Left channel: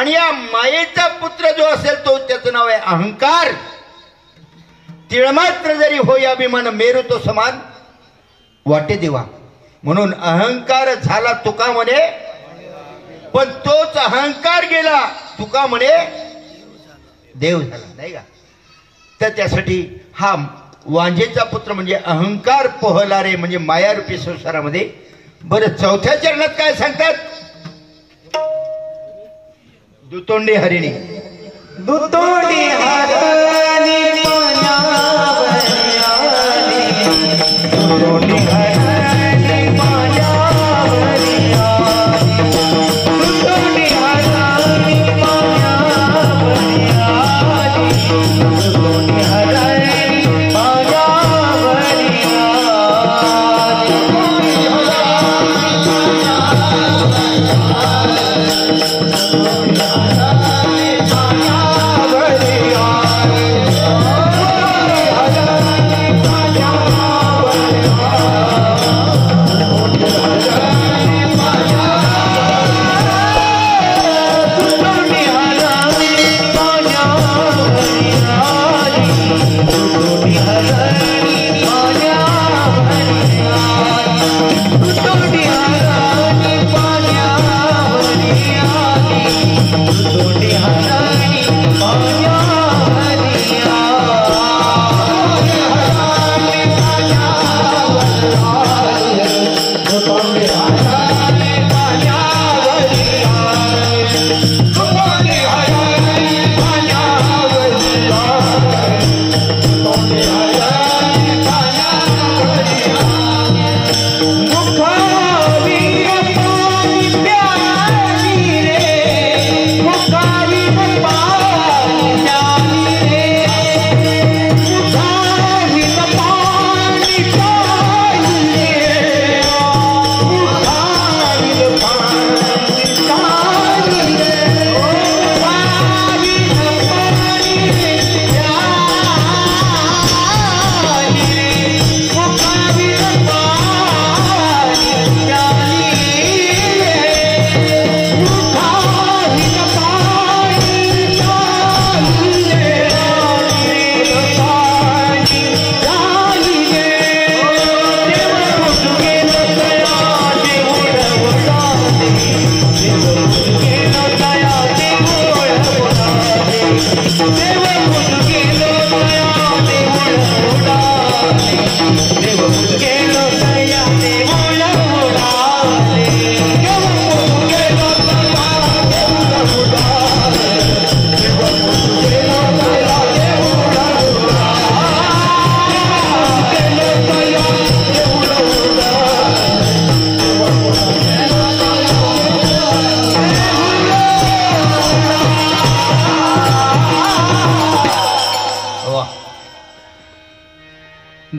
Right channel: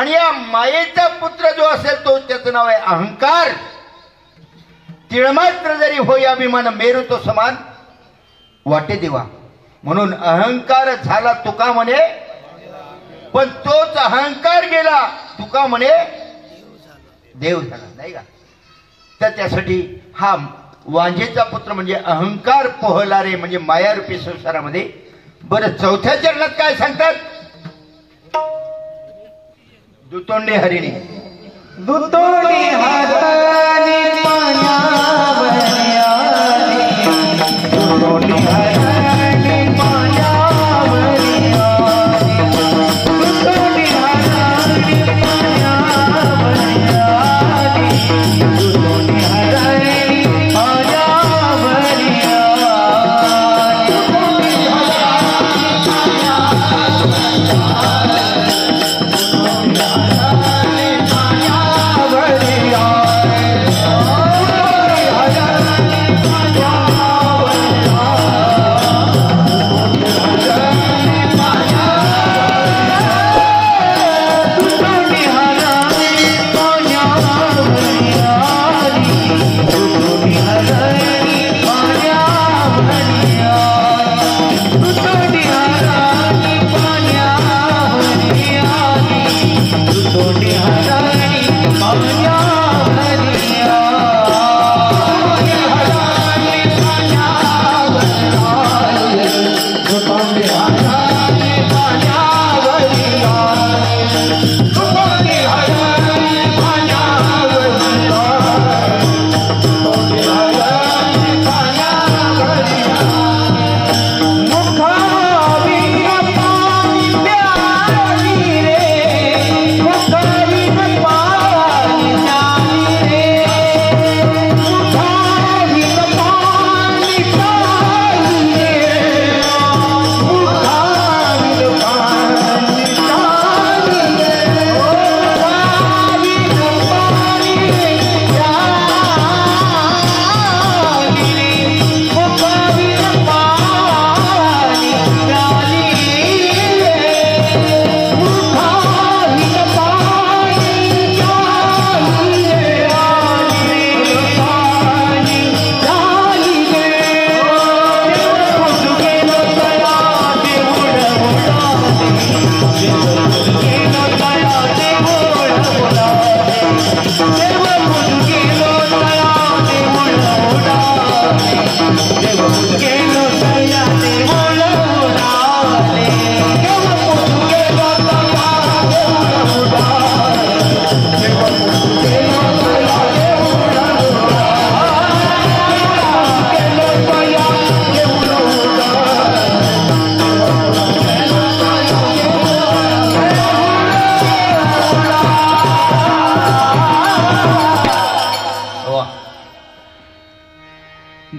आणि या मायेचा पुत्र जो असेल तो त्याचं नाव आहे अहंकार. तिळमात्र जरी होई अभिमान मेरू तो समान वाटे देवा. म्हणून अहंकार झाला तुका म्हणे, पण तोच अहंकार गेला तुका म्हणे देव झाला, नाही का. तर त्यासाठी हा वांजेचा पुत्र म्हणजे अहंकार पोहला रे, म्हणजे मायारूपी संसारामध्ये. बरं, चौथ्या चरणात काय सांगतात? दुतोंडी हरिणी. दुतोंडी हरिणी पाण्यावर आली, दुतोंडी हरिणी पाण्यावर आली, दुतोंडी हरिणी पाण्यावर आली, दुतोंडी हरिणी पाण्यावर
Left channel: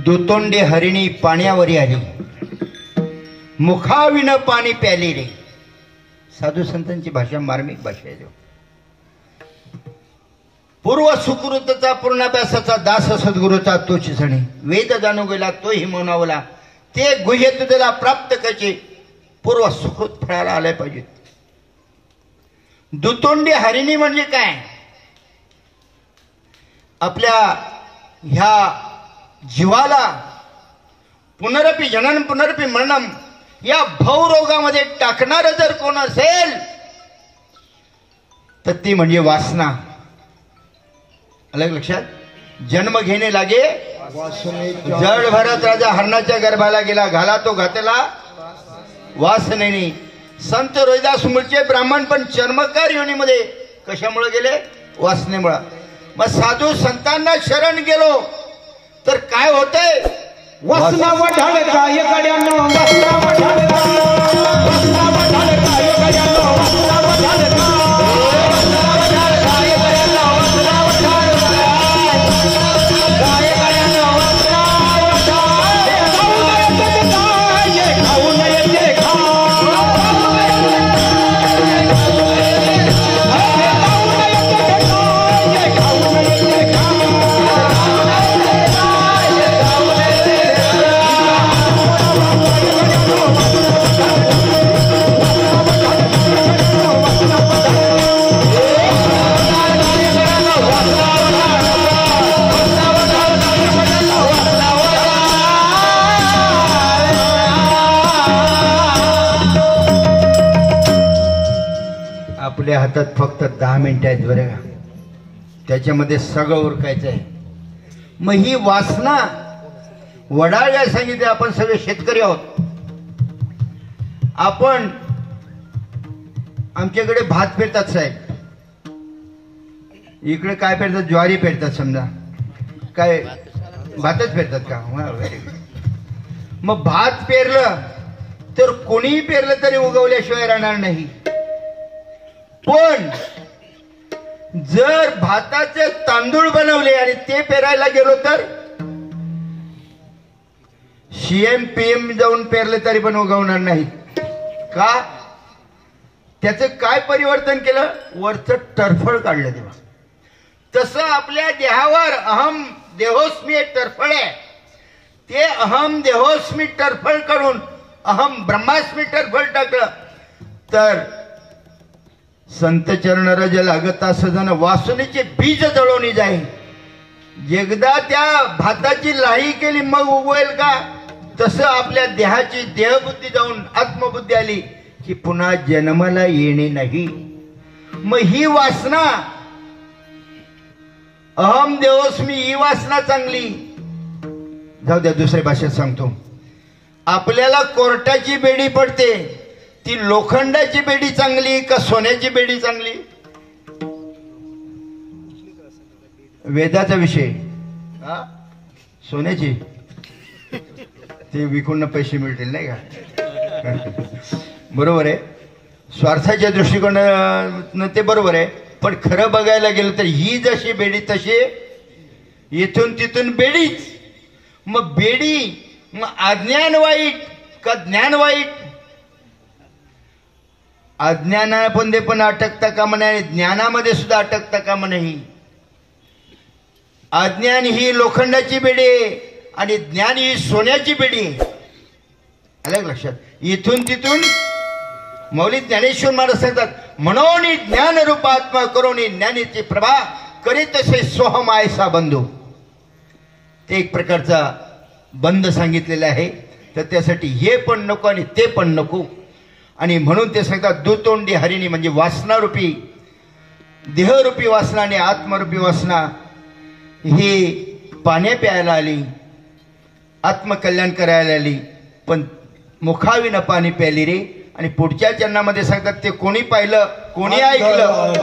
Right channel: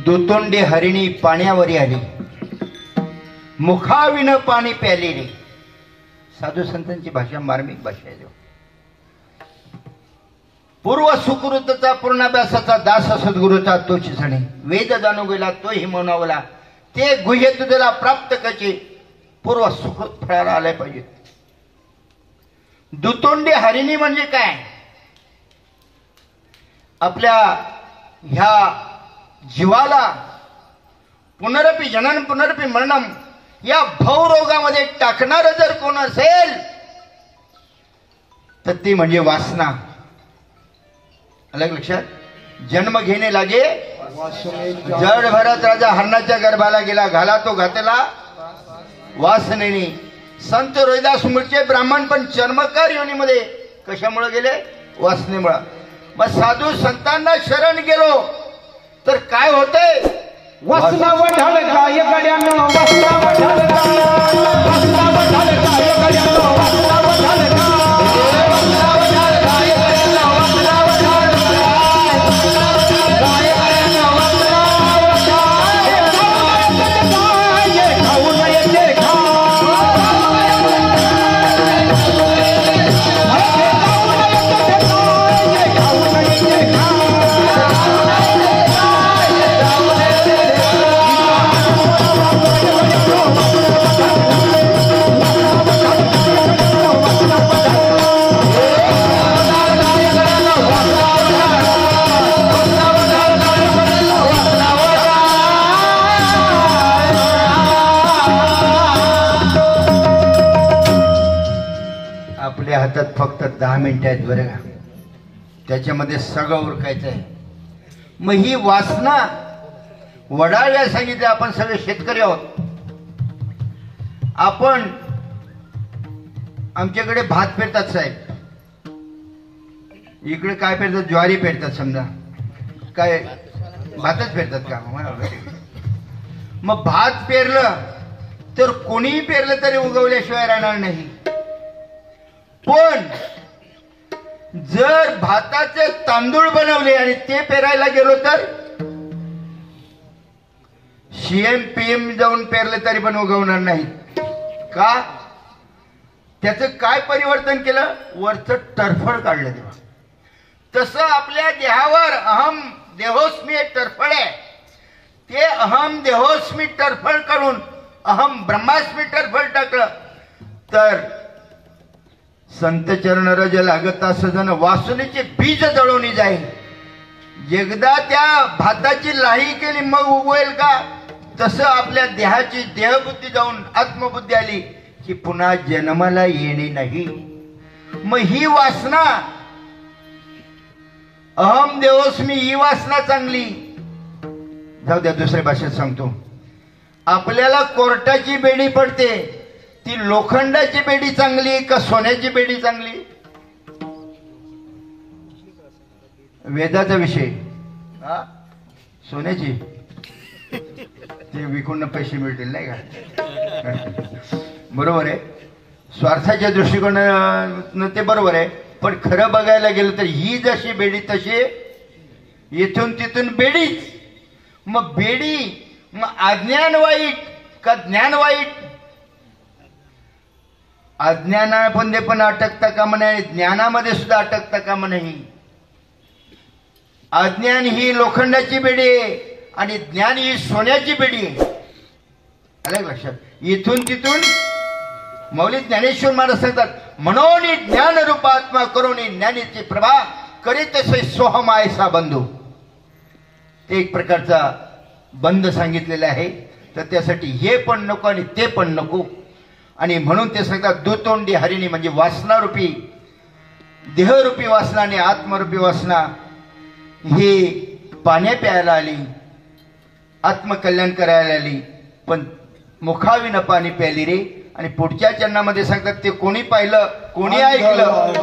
दुतोंडी हरिणी पाण्यावरी आली, मुखाविन पाणी प्याली रे. साधू संतांची भाषा मार्मिक भाषा आहे. पूर्व सुकृतचा पूर्णाभ्यासाचा दास सद्गुरूचा तोच जणे, वेद जाणू गेला तोही म्हणावला, ते गुह्य तुझला प्राप्त कचे पूर्व सुकृत फळाला आले पाहिजे. दुतोंडी हरिणी म्हणजे काय? आपल्या ह्या जीवाला पुनरपी जनन पुनरपी मरणम या भवरोगामध्ये टाकणार जर कोण असेल तर ती म्हणजे वासना. अलग लक्षात. जन्म घेणे लागे जड भरत राजा हरणाच्या गर्भाला गेला, घाला तो घातला वासनेने. संत रोहिदास मूळचे ब्राह्मण पण चर्मकार योनीमध्ये कशामुळे गेले? वासनेमुळे. मग साधू संतांना शरण गेलो तर काय होतंय? वासना वढाळ काय गड्यानो, वासना वढाळ काय, वासना वढाळ काय गड्यानो, वासना वढाळ आपल्या हातात फक्त 10 मिनिटं आहेत बरं का, त्याच्यामध्ये सगळं उरकायचं आहे. मग ही वासना वडाळ्या सांगितले. आपण सगळे शेतकरी आहोत. आपण आमच्याकडे भात पेरतात साहेब, इकडे काय पेरतात? ज्वारी पेरतात समजा. काय भातच पेरतात का? Very good. मग भात पेरलं तर कोणीही पेरलं तरी उगवल्याशिवाय राहणार नाही. पण जर भाताचे तांदूळ बनवले आणि ते पेरायला गेलो तर CM PM जाऊन पेरले तरी पण उगवणार नाही. का? त्याचं काय परिवर्तन केलं? वरचं टरफळ काढलं तेव्हा. तसं आपल्या देहावर अहम देहोस्मी एक टरफळ आहे. ते अहम देहोस्मी टरफळ करून अहम ब्रह्मास्मी टरफळ टाकलं तर संत चरण रज लागता सजन वासनेचे बीज जळवणी जाईल. एकदा त्या भाताची लाही केली मग उगवेल का? तसं आपल्या देहाची देहबुद्धी जाऊन आत्मबुद्धी आली की पुन्हा जन्माला येणे नाही. मग ही वासना अहम देहोस्मी ही वासना चांगली. जाऊ द्या, दुसऱ्या भाषेत सांगतो. आपल्याला कोर्टाची बेडी पडते, ती लोखंडाची बेडी चांगली का सोन्याची बेडी चांगली? वेदाचा विषय. सोन्याची ते विकून पैसे मिळतील नाही का? बरोबर आहे. स्वार्थाच्या दृष्टिकोनानं ते बरोबर आहे. पण खरं बघायला गेलं तर ही जशी बेडी तशी इथून तिथून बेडीच. मग बेडी मग अज्ञान वाईट का ज्ञान वाईट? अज्ञानामध्ये पण अटकता कामा नये, ज्ञानामध्ये सुद्धा अटकता कामा नाही. अज्ञान ही लोखंडाची बेडी आहे आणि ज्ञान ही सोन्याची बेडी आहे. आलं लक्षात? इथून तिथून मौली ज्ञानेश्वर महाराज सांगतात, म्हणून ज्ञान रूप आत्मा करोनी ज्ञानीची प्रभा करीत तसे सोहम आयसा बंधू. ते एक प्रकारचा बंध सांगितलेला आहे. तर त्यासाठी हे पण नको आणि ते पण नको. आणि म्हणून ते सांगतात दुतोंडी हरिणी म्हणजे वासनारूपी देहरूपी वासना आणि आत्मरूपी वासना ही पाण्या प्यायला आली, आत्मकल्याण करायला आली, पण मुखाविना पाणी प्याली रे. आणि पुढच्या चरणामध्ये सांगतात ते कोणी पाहिलं कोणी ऐकलं.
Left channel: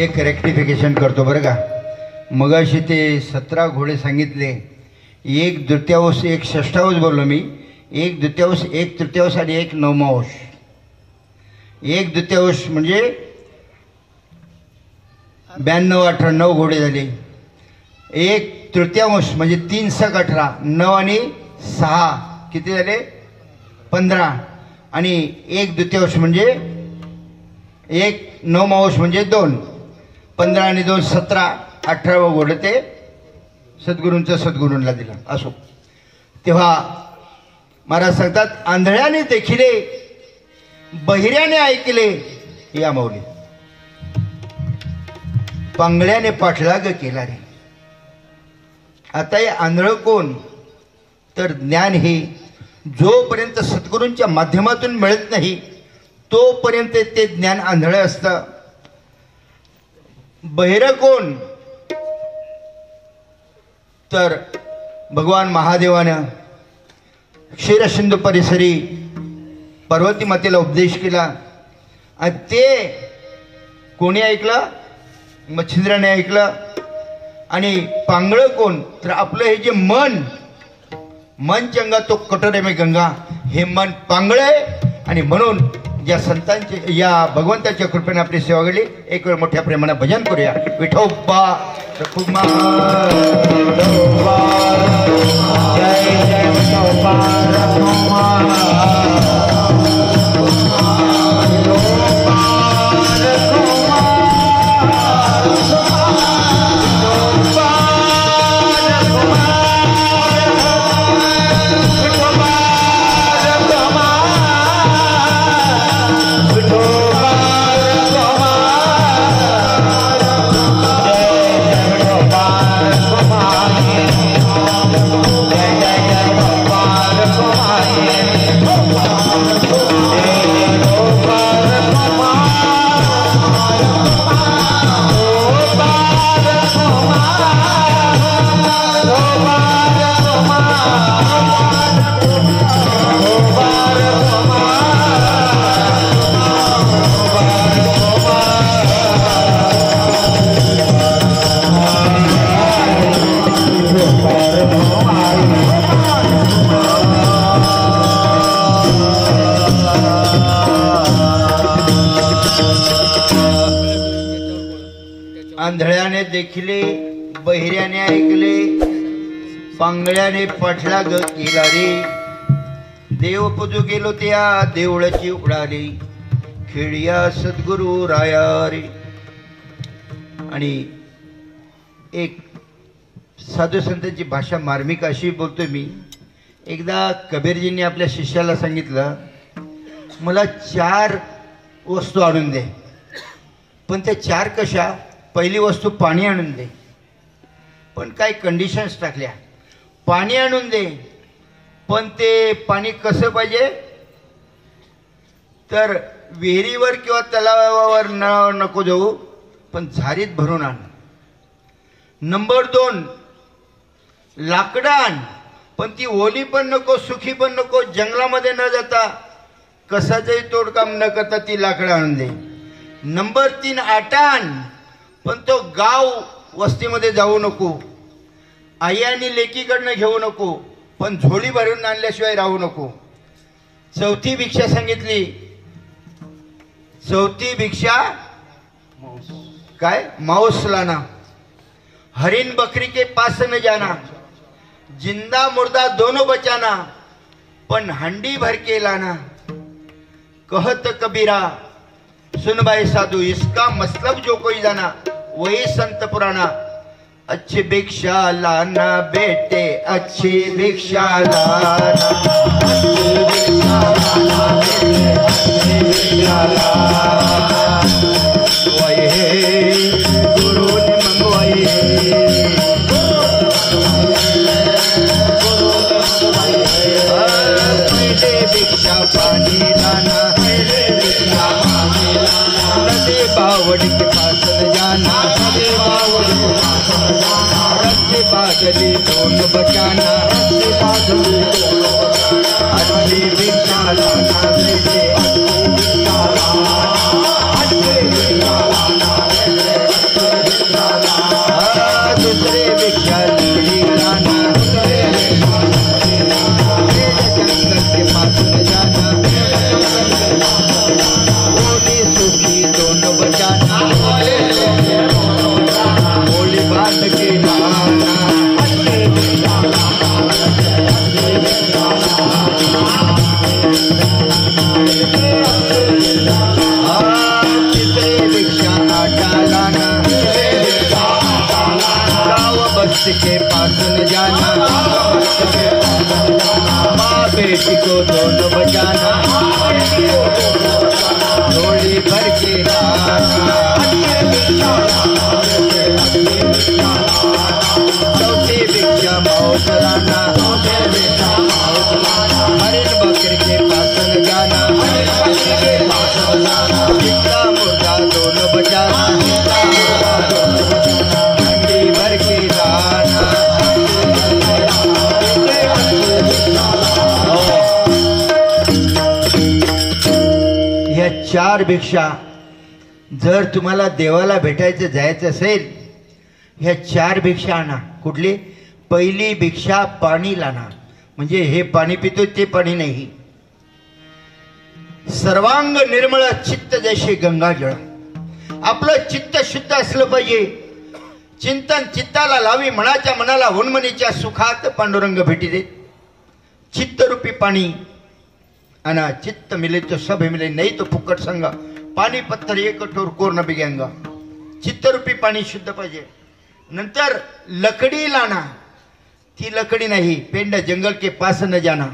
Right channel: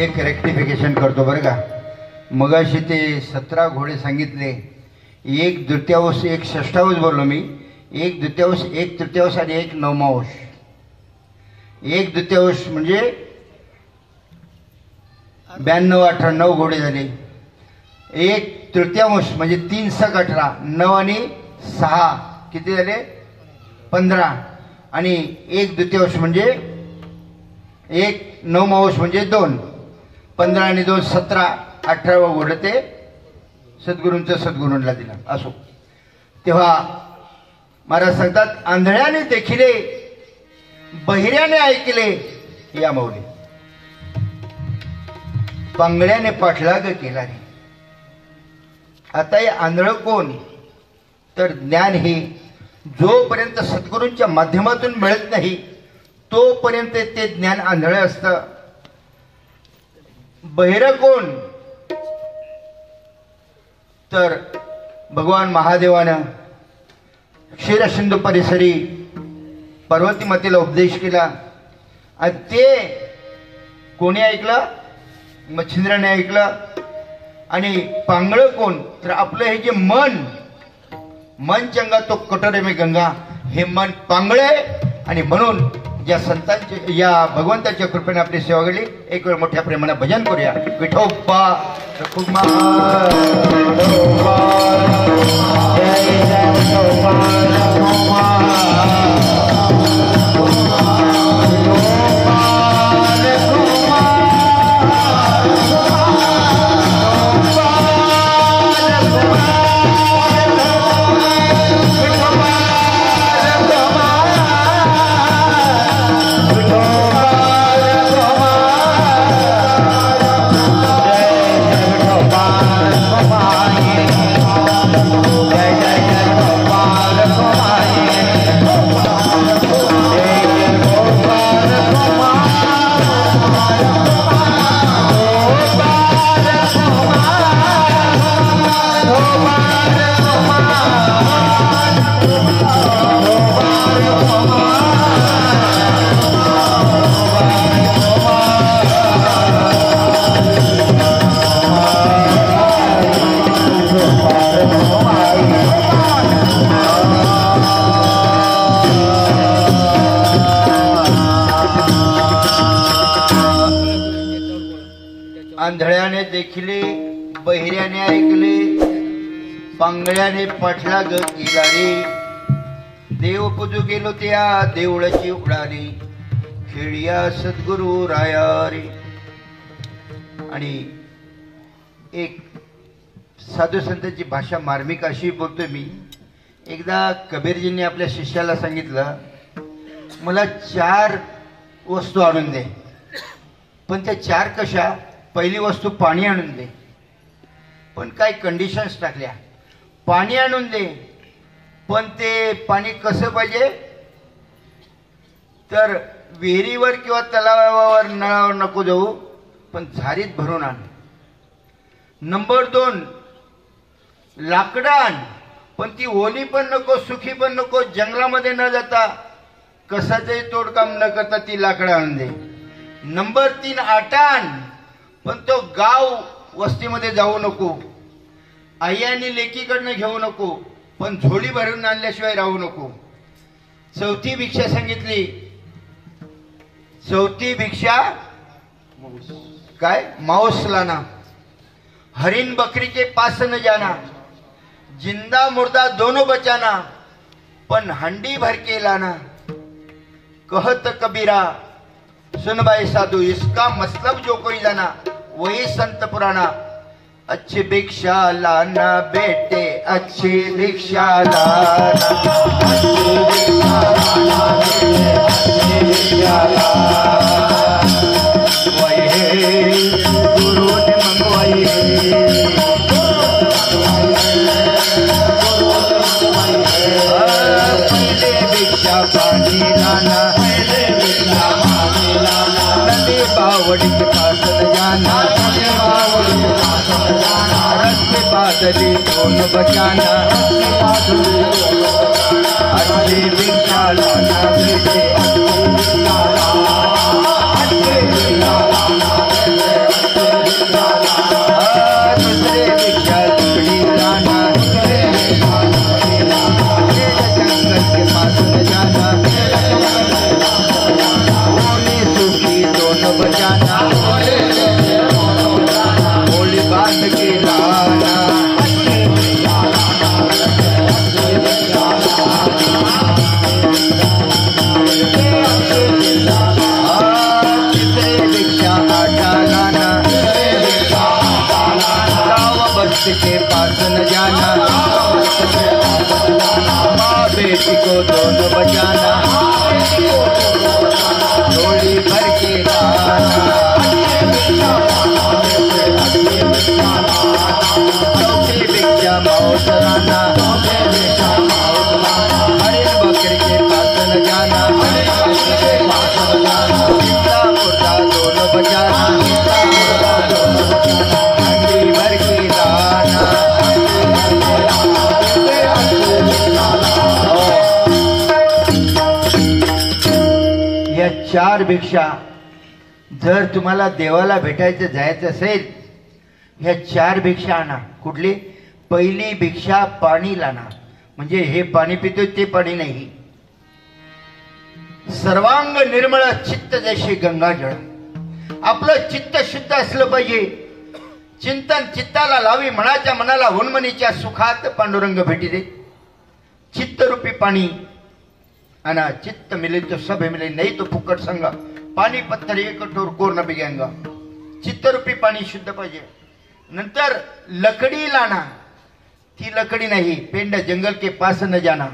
एक रेक्टिफिकेशन करतो बरं का. मगाशी ते 17 घोडे सांगितले. 1/2 1 षष्ठांश बोललो मी. 1/2 1 तृतीयांश आणि 1 नवमांश. 1/2 म्हणजे 92 18 9 घोडे झाले. 1 तृतीयांश म्हणजे 3 × 18 9 आणि 6 किती झाले 15. आणि 1/2 म्हणजे 1 नवमांश म्हणजे 2. 15 आणि 2 17. 18वं घोडं ते सद्गुरूंचं सद्गुरूंना दिलं. असो. तेव्हा महाराज सांगतात आंधळ्याने देखिले बहिऱ्याने ऐकले या मौली, पांगळ्याने पाठलाग केला रे. आता हे आंधळ कोण? तर ज्ञान हे जोपर्यंत सद्गुरूंच्या माध्यमातून मिळत नाही तोपर्यंत ते ज्ञान आंधळं असतं. बहिरं कोण? तर भगवान महादेवानं क्षीरसिंधू परिसरी पार्वती मातेला उपदेश केला आणि ते कोणी ऐकलं? मच्छिंद्राने ऐकलं. आणि पांगळ कोण? तर आपलं हे जे मन चंगा तो कटोरे में गंगा, हे मन पांगळ आहे. आणि म्हणून ज्या संतांचे, या भगवंताच्या कृपेने आपली सेवा घडली. एक वेळ मोठ्या प्रेमाने भजन करूया. विठोबा रखुमार, जय जय आंधळ्याने देखिले, बहिऱ्याने ऐकले, पांगळ्याने पाठला ग केला रे. देव पूजू गेलो त्या देवळाची उडाली, खेळिया सद्गुरु राया रे. आणि एक साधू संतांची भाषा मार्मिक अशी बोलतोय मी. एकदा कबीरजींनी आपल्या शिष्याला सांगितलं, मला 4 वस्तू आणून दे. पण त्या 4 कशा? पहिली वस्तू पाणी आणून दे. पण काही कंडिशन्स टाकल्या. पाणी आणून दे, पण ते पाणी कसं पाहिजे? तर विहिरीवर किंवा तलावावर नळावर नको जाऊ, पण झारीत भरून आण. नंबर 2, लाकडं आण, पण ती ओली पण नको, सुखी पण नको. जंगलामध्ये न जाता, कसाचंही तोडकाम न करता ती लाकडं आणून दे. नंबर 3, आटा आण, पण तो गाव वस्तीमध्ये जाऊ नको. आई आणि लेकीकडनं घेऊ नको, पण झोळी भरून आणल्याशिवाय राहू नको. 4थी भिक्षा सांगितली. 4थी भिक्षा काय? मांस लाना. हरिण बकरी के पास न जाना, जिंदा मुर्दा दोनों बचाना, पण हंडी भर के लाना. कहत कबीरा सुन भाई साधु, इसका मतलब जो कोई जाना वही संत पुराना. अच्छी भिक्षा लाना बेटे, अच्छी भिक्षा लाना. गुरु ने मंगवाई, भिक्षा पानी लाना, बावड़ के पास न जाना, रस्ते बादली दोनों बचाना. अच्छी भिक्षा लाना बेटे, दूसरे भिक्षा लकड़ी लाना. जंगल के पास न जाना, दोनों बचाना. होली बांध के लाना. चित्रे भिक्षा आटा लाना, बस के पास न जाना. माँ बेटी को दोनों बचाना, झोली भर के लाना. चौथी भिक्षा मांस लाना, हरिण बकरी के पास न जाना. चित्ता मुर्दा दोनों बजाना, ठंडी भर के लाना। या 4 भिक्षा जर तुम्हाला देवाला भेटायचं जायचं असेल, ह्या 4 भिक्षा आणा. कुठली? पहिली भिक्षा पाणी लाना, म्हणजे हे पाणी पितोय ते पाणी नाही. सर्वांग निर्मळ चित्त जैसे गंगाजळ. आपलं चित्त शुद्ध असलं पाहिजे. चिंतन चित्ताला लावी, मनाच्या मनाला उन्मनीच्या सुखात पांडुरंग भेटी दे. चित्तरूपी पाणी आणा. चित्त मिले तो सब मिले, नाही तो फुकट संग. पाणी पत्थर एक कठोर कोर न बिगेंगा. चित्तरूपी पाणी शुद्ध पाहिजे. नंतर लकडी लाना. ती लकडी नाही, पेंड जंगल के पास न जाना.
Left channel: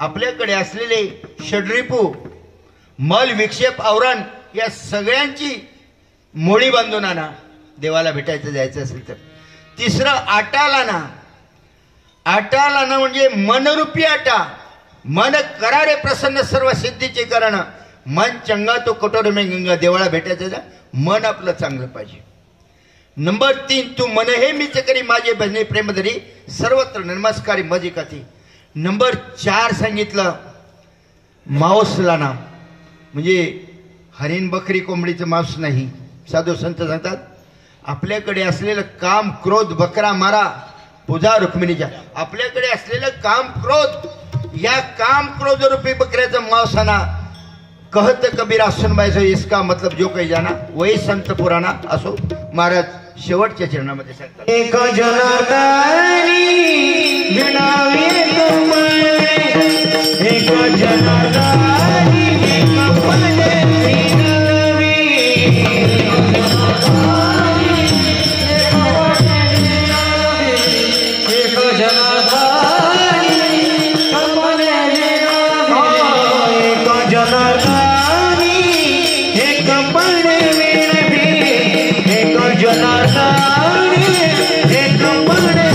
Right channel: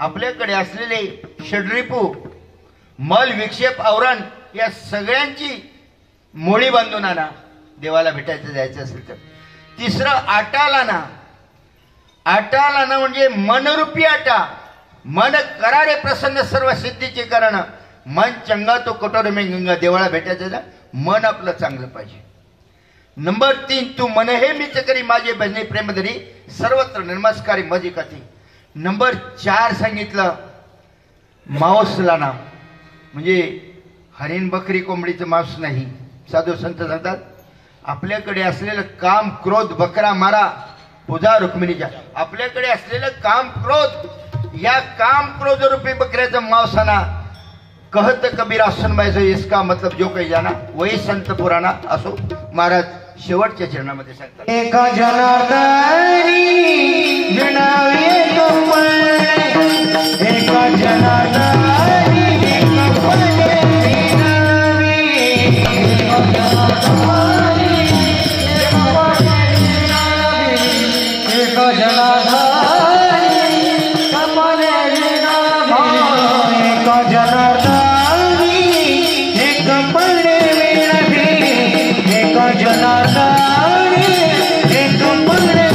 आपल्याकडे असलेले षड्रिपू, मल, विक्षेप, आवरण या सगळ्यांची मोळी बांधून आणा देवाला भेटायचं जायचं असेल तर. तिसरं आटा लाना. आटा लाना म्हणजे मनरूपी आटा. मन करारे प्रसन्न सर्व सिद्धीचे कारण. मन चंगा तो कटोर में गंगा. देवाला भेटायचं मन आपलं चांगलं पाहिजे. नंबर 3, तू मन हे मीच करी माझे भजने प्रेमधरी, सर्वत्र नमस्कारी मजी कथी. नंबर 4 सांगितलं मांस लाना, म्हणजे हरिण बकरी कोंबडीचं मांस नाही. साधू संत सांगतात आपल्याकडे असलेलं काम क्रोध बकरा मारा पूजा रुक्मिणीच्या. आपल्याकडे असलेलं काम क्रोध, या काम क्रोध रूपी बकऱ्याचं मांस आणा. कहत कबीरा सुनबाई से इसका मतलब जो काही जाना वही संत पुराणा. असो महाराज शेवटच्या चरणामध्ये सांगतात, एक जनार्दनी विणावे कमळे, एक जनार्दनी कमळे विणावे, एक जनार्दनी कमळे विणावे, एक जनार्दनी एक कमळे विणावे, एक जनार्दनी एक कमळे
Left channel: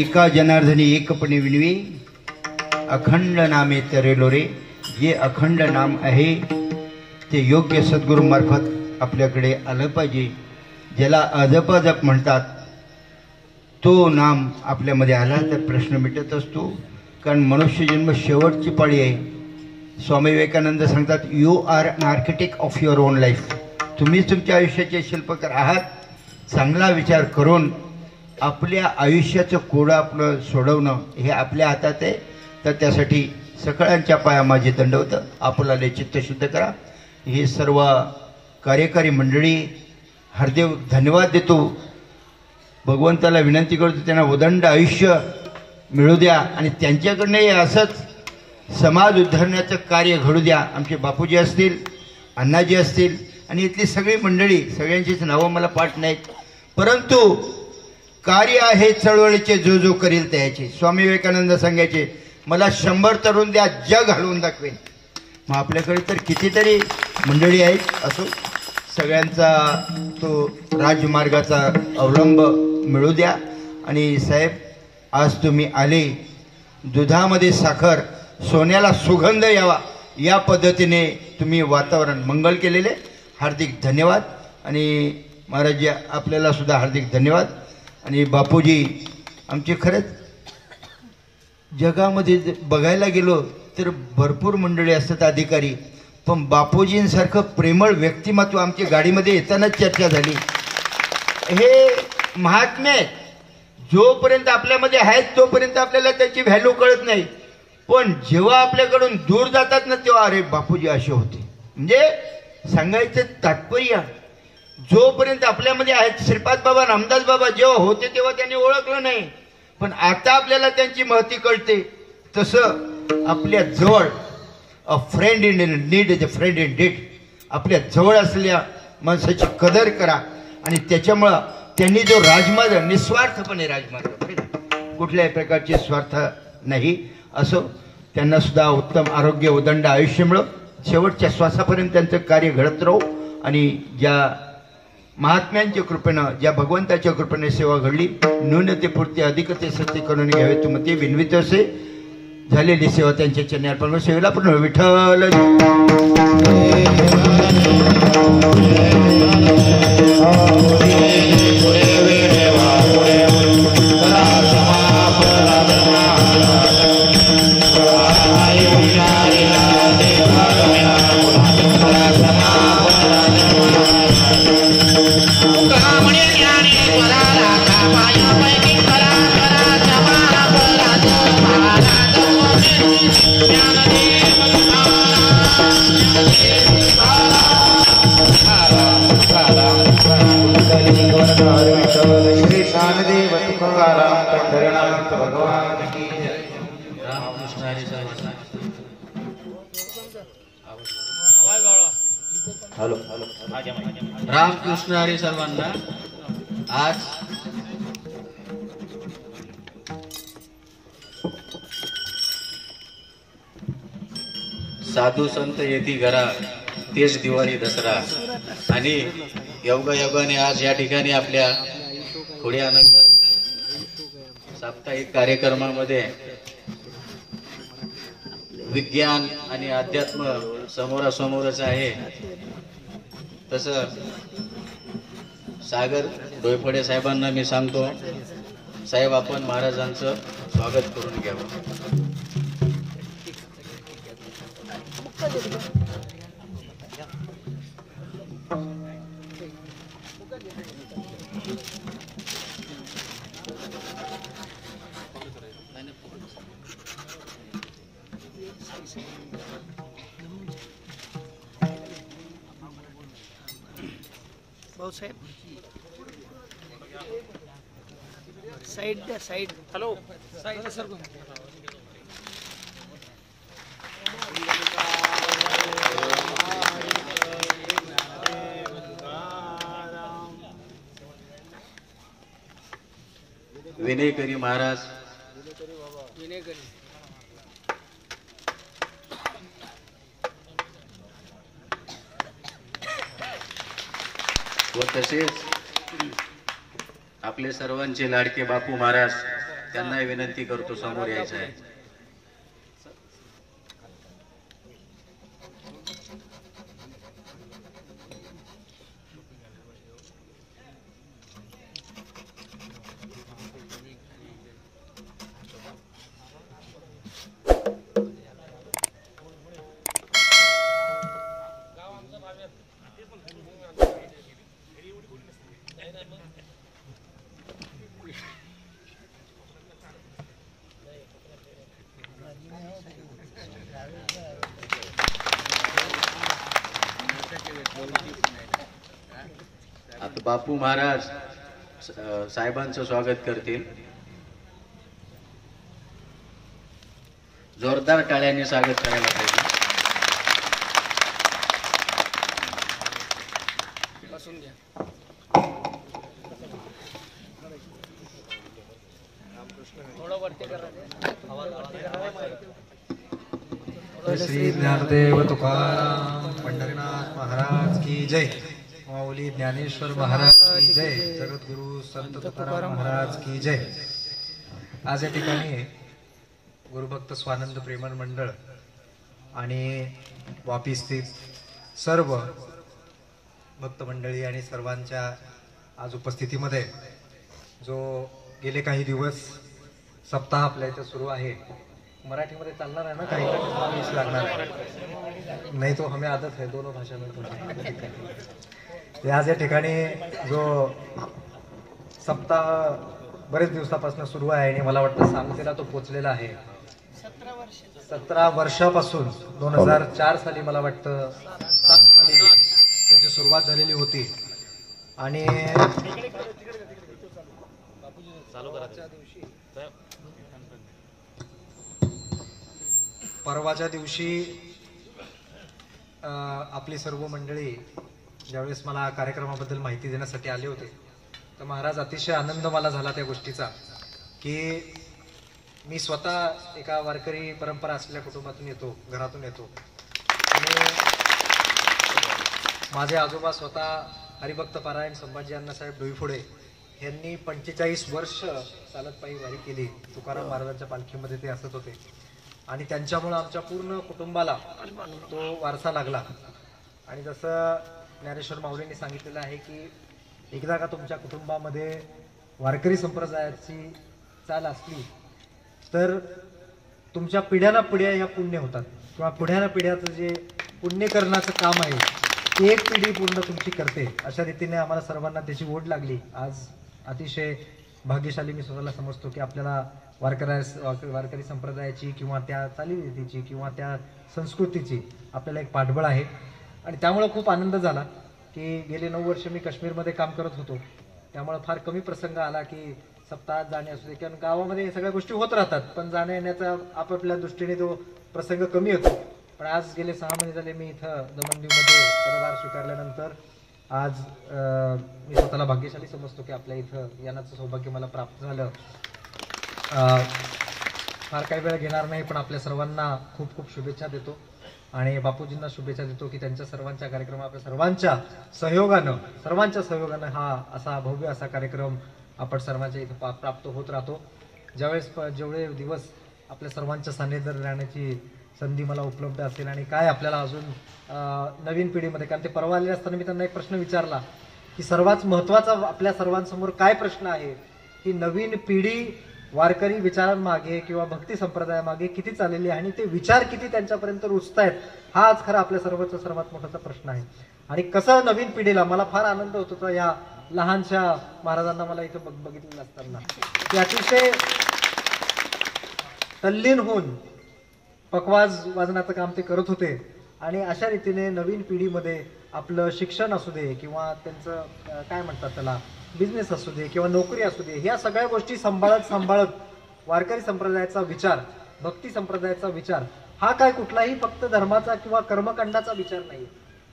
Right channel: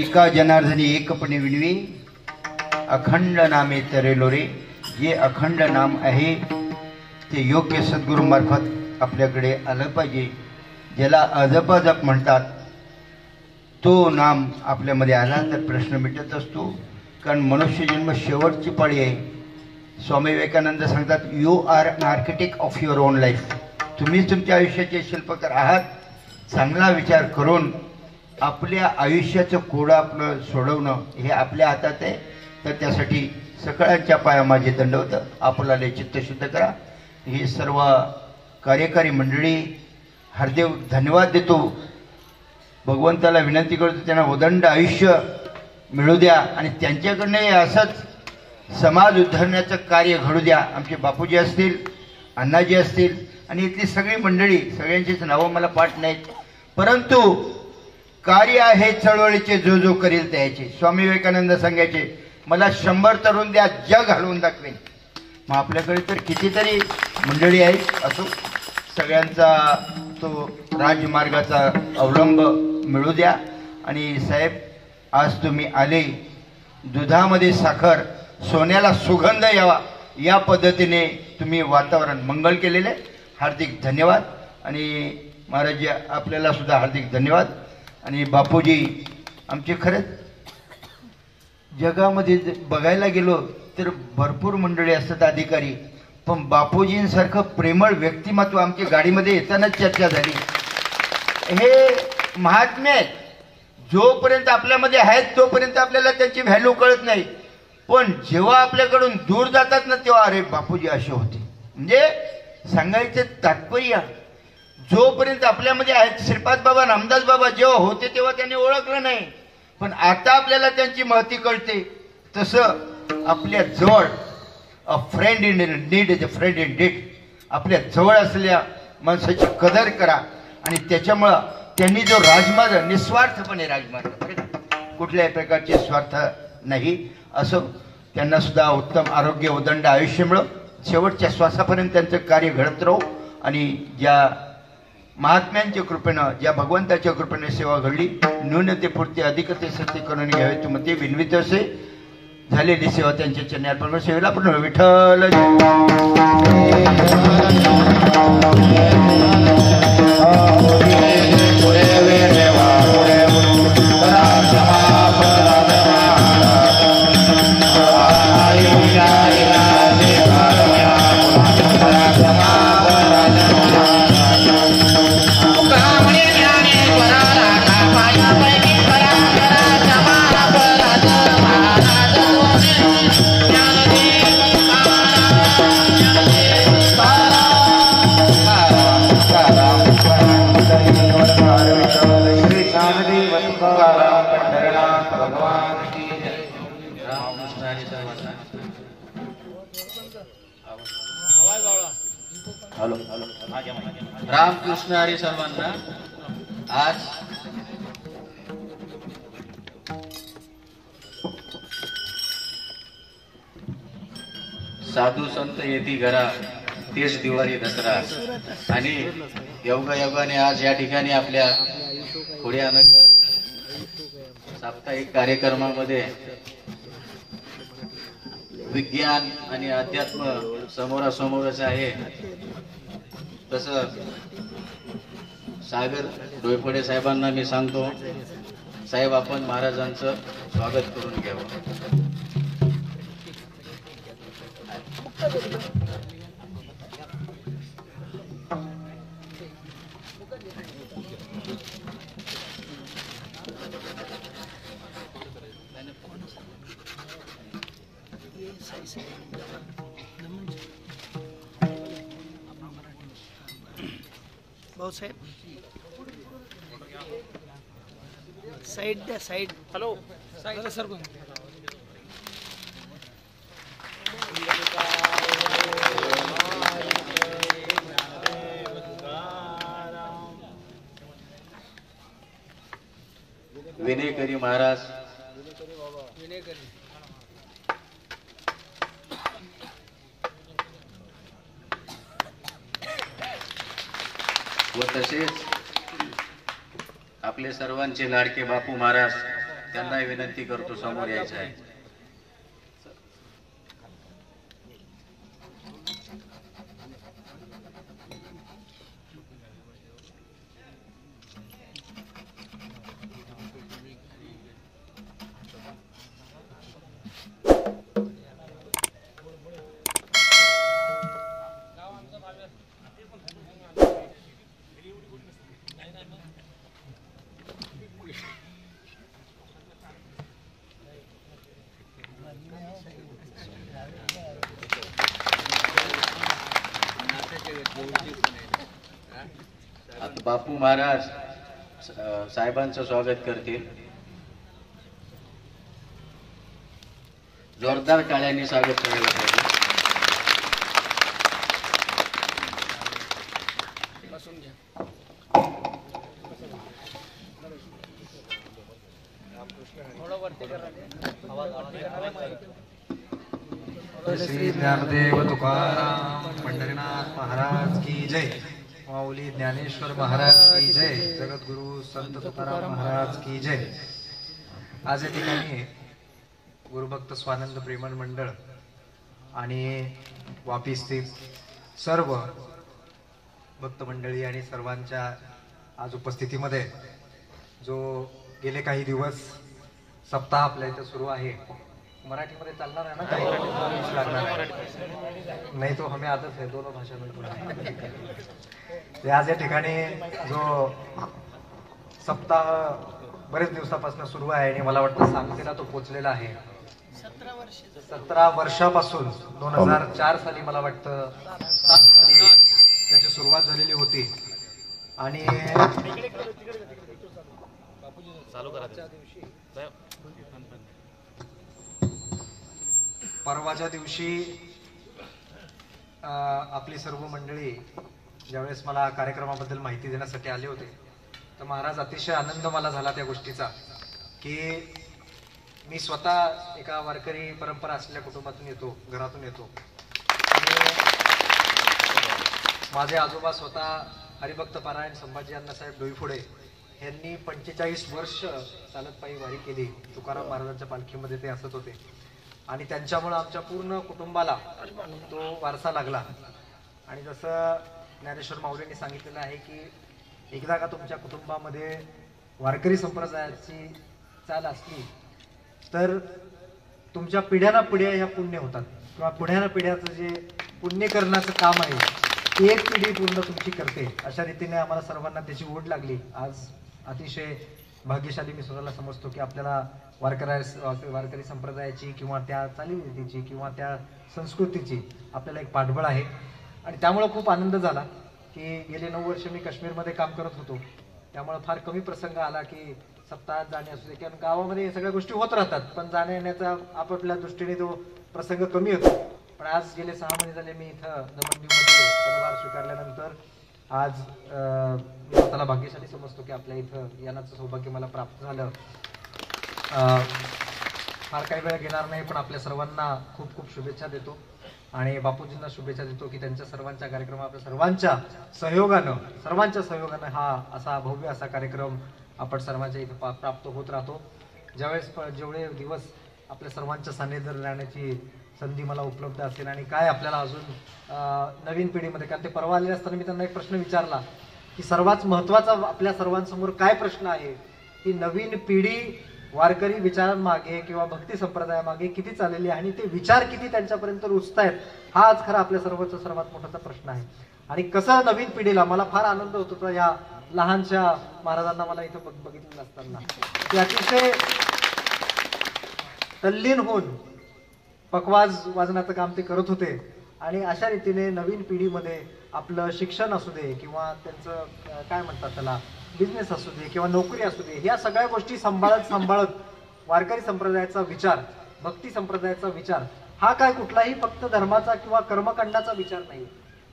एका जनार्दनी एकपणे विनवी अखंड नामे तरेलो रे. जे अखंड नाम आहे ते योग्य सद्गुरूमार्फत आपल्याकडे आलं पाहिजे. ज्याला अजपजप म्हणतात तो नाम आपल्यामध्ये आला तर प्रश्न मिटत असतो. कारण मनुष्य जन्म शेवटची पाळी आहे. स्वामी विवेकानंद सांगतात, you are an architect of your own life. तुम्ही तुमच्या आयुष्याचे शिल्पकार आहात. चांगला विचार करून आपल्या आयुष्याचं कोडं आपलं सोडवणं हे आपल्या हातात आहे. तर त्यासाठी सगळ्यांच्या पाया माझे दंडवत. आपल्याला चित्तशुद्ध करा. ही सर्व कार्यकारी मंडळी हरदेव धन्यवाद देतो. भगवंताला विनंती करतो त्यांना उदंड आयुष्य मिळू द्या आणि त्यांच्याकडनंही असंच समाज उद्धारण्याचं कार्य घडू द्या. आमचे बापूजी असतील, अण्णाजी असतील आणि इथली सगळी मंडळी, सगळ्यांचीच नावं मला पाठ नाहीत, परंतु कार्य आहे चळवळीचे जो जो करील त्याचे. स्वामी विवेकानंद सांगायचे, मला 100 तरुण द्या, जग हलवून दाखवेन. मग आपल्याकडे तर कितीतरी मंडळी आहेत. असो, सगळ्यांचा तो राजमार्गाचा अवलंब मिळू द्या. आणि साहेब, आज तुम्ही आले, दुधामध्ये साखर, सोन्याला सुगंध यावा या पद्धतीने तुम्ही वातावरण मंगल केलेले. हार्दिक धन्यवाद. आणि महाराज आपल्याला सुद्धा हार्दिक धन्यवाद. आणि बापूजी आमचे खरंच जगामध्ये बघायला गेलो तर भरपूर मंडळी असतात अधिकारी, पण बापूजींसारखं प्रेमळ व्यक्तिमत्व आमच्या गाडीमध्ये येतानाच चर्चा झाली. हे महात्मे आहेत. जोपर्यंत आपल्यामध्ये आहेत तोपर्यंत आपल्याला त्याची व्हॅल्यू कळत नाही, पण जेव्हा आपल्याकडून दूर जातात ना तेव्हा अरे बापूजी असे होते. म्हणजे सांगायचं तात्पर्य, जोपर्यंत आपल्यामध्ये आहेत, श्रीपाद बाबा, रामदास बाबा जेव्हा होते तेव्हा त्यांनी ओळखलं नाही, पण आता आपल्याला त्यांची महती कळते. तसं आपल्या जवळ अ friend in need is a friend in deed. आपल्या जवळ असलेल्या माणसाची कदर करा. आणि त्याच्यामुळं त्यांनी जो राजमार्ग, निस्वार्थपणे राजमार्ग, कुठल्याही प्रकारचे स्वार्थ नाही, असं त्यांना सुद्धा उत्तम आरोग्य, उदंड आयुष्य मिळो. शेवटच्या श्वासापर्यंत त्यांचं कार्य घडत राहो. आणि ज्या महात्म्यांच्या कृपेनं, ज्या भगवंताच्या कृपेने सेवा घडली, न्यूनतेपुरते अधिकते सत्य करून घ्यावे तुम्ही विनवित असे. झालेली सेवा त्यांच्या चरणी अर्पण. सेवेला पण विठ्ठल. रामकृष्ण हरी सर्वांना. आज साधू संत येती घरा, तेच दिवाळी दसरा. आणि योगायोगाने आज या ठिकाणी आपल्या खुड्यानगर साप्ताहिक कार्यक्रमामध्ये विज्ञान आणि अध्यात्म समोरासमोरच आहे. तसं सागर डोयफोडे साहेबांना मी सांगतो, साहेब आपण महाराजांचं स्वागत करून घ्यावं. भाऊसाहेब साईड द्या साईड. हॅलो सर विनयकरी महाराज व तसेच आपले सर्वांचे लाडके बापू महाराज त्यांना विनंती करतो समोर यायचं आहे. आता बापू महाराज साहेबांचं स्वागत करतील. जोरदार टाळ्यांनी स्वागत करायला पाहिजे. श्री ज्ञानदेव तुकाराम पंढरीनाथ महाराज की जय. माऊली ज्ञानेश्वर महाराज की जय. जगद्गुरु संत तुकाराम महाराज की जय. आज या ठिकाणी गुरुभक्त स्वानंद प्रेमन मंडळ आणि वापी स्थित सर्व भक्त मंडळी आणि सर्वांच्या आज उपस्थितीमध्ये जो गेले काही दिवस सप्ताह आपल्या इथं सुरू आहे. मराठीमध्ये चालणार आहे ना काही लागणार नाही तो हमें आदत है दोनों भाषा में. आज या ठिकाणी जो सप्ताह बरेच दिवसापासून सुरू आहे आणि मला वाटतं सांगतेला तो पोचलेला आहे. 17 वर्षापासून 2004 साली मला वाटतं 7 साली त्याची सुरुवात झालेली होती आणि परवाच्या दिवशी आपली सर्व मंडळी ज्यावेळेस मला कार्यक्रमाबद्दल माहिती देण्यासाठी आले होते तर महाराज अतिशय आनंद मला झाला त्या गोष्टीचा की मी स्वतः एका वारकरी परंपरा असलेल्या कुटुंबातून येतो, घरातून येतो आणि माझे आजोबा स्वतः हरिभक्त पारायण संभाजी अण्णासाहेब डोईफोडे यांनी 45 वर्ष चालत पायी वारी केली. तुकाराम महाराजांच्या पालखीमध्ये ते असत होते आणि त्यांच्यामुळे आमच्या पूर्ण कुटुंबाला तो वारसा लागला. आणि जसं ज्ञानेश्वर माऊलींनी सांगितलेलं आहे की एकदा का तुमच्या कुटुंबामध्ये वारकरी संप्रदायाची चाल असली तर तुमच्या पिढ्याना पिढ्या ह्या पुण्य होतात किंवा पुढ्याना पिढ्याचं जे पुण्य करण्याचं काम आहे ते एक पिढी पूर्ण तुमची करते. अशा रीतीने आम्हाला सर्वांना त्याची ओढ लागली. आज अतिशय भाग्यशाली मी स्वतःला समजतो की आपल्याला वारकरी संप्रदायाची किंवा त्या चालीरीतीची किंवा त्या संस्कृतीची आपल्याला एक पाठबळ आहे. आणि त्यामुळे खूप आनंद झाला की गेले 9 वर्ष मी काश्मीरमध्ये काम करत होतो. त्यामुळे फार कमी प्रसंग आला की सप्ताहात जाणे असू दे किंवा गावामध्ये हे सगळ्या गोष्टी होत राहतात पण जाण्या येण्याचा आपापल्या दृष्टीने तो प्रसंग कमी होतो. पण आज गेले 6 महिने झाले मी इथं दमणदीवमध्ये पदभार स्वीकारल्यानंतर आज मी स्वतःला भाग्यशाली समजतो की आपल्या इथं येण्याचं सौभाग्य मला प्राप्त झालं. फार काही वेळ घेणार नाही पण आपल्या सर्वांना खूप खूप शुभेच्छा देतो आणि बापूजींना शुभेच्छा देतो की त्यांच्या सर्वांच्या कार्यक्रम आपल्या सर्वांच्या सहयोगानं हा असा भव्य असा कार्यक्रम आपण सर्वांच्या इथे प्राप्त होत राहतो. जेवढे दिवस आपल्या सर्वांच्या सान्निध्यात राहण्याची संधी मला उपलब्ध असेल आणि काय आपल्याला अजून नवीन पिढीमध्ये कारण ते परवा आले असताना मी त्यांना एक प्रश्न विचारला की सर्वात महत्त्वाचा आपल्या सर्वांसमोर काय प्रश्न आहे की नवीन पिढी वारकरी विचारांमागे किंवा भक्ती संप्रदायामागे किती चाललेली आहे आणि ते विचार किती त्यांच्यापर्यंत रुजतायत हा आज खरा आपल्या सर्वात मोठा प्रश्न आहे. आणि कसं नवीन पिढीला मला फार आनंद होत होता या लहानशा महाराजांना मला इथं बघितलेलं असताना की अतिशय तल्लीन होऊन पखवाज वाजनाचं काम ते करत होते आणि अशा रीतीने नवीन पिढीमध्ये आपलं शिक्षण असू दे किंवा त्यांचं काय म्हणतात त्याला बिझनेस असू दे किंवा नोकरी असू दे, ह्या सगळ्या गोष्टी सांभाळत वारकरी संप्रदायाचा विचार, भक्ती संप्रदायाचा विचार हा काय कुठलाही फक्त धर्माचा किंवा कर्मकांडाचा विचार नाही,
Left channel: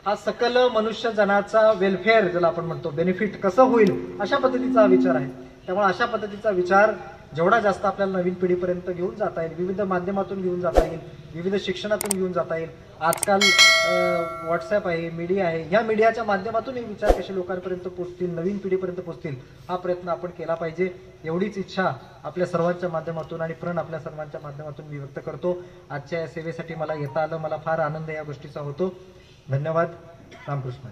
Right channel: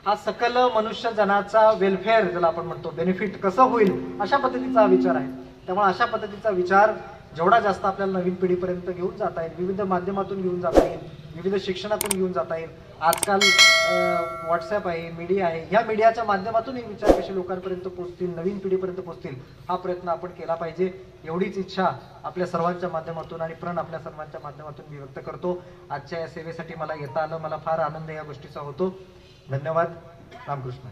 हा सकल मनुष्य जनाचा वेलफेअर ज्याला आपण म्हणतो, बेनिफिट कसं होईल अशा पद्धतीचा हा विचार आहे. त्यामुळे अशा पद्धतीचा विचार जेवढा जास्त आपल्याला नवीन पिढीपर्यंत घेऊन जाता येईल, विविध माध्यमातून घेऊन जाता येईल, विविध शिक्षणातून घेऊन जाता येईल. आजकाल व्हॉट्सअप आहे, मीडिया आहे, ह्या मीडियाच्या माध्यमातून हे विचार कसे लोकांपर्यंत पोहोचतील, नवीन पिढीपर्यंत पोहोचतील, हा प्रयत्न आपण केला पाहिजे. एवढीच इच्छा आपल्या सर्वांच्या माध्यमातून आणि प्रण आपल्या सर्वांच्या माध्यमातून मी व्यक्त करतो. आजच्या या सेवेसाठी मला येता आलं, मला फार आनंद या गोष्टीचा होतो. धन्यवाद. रामकृष्ण.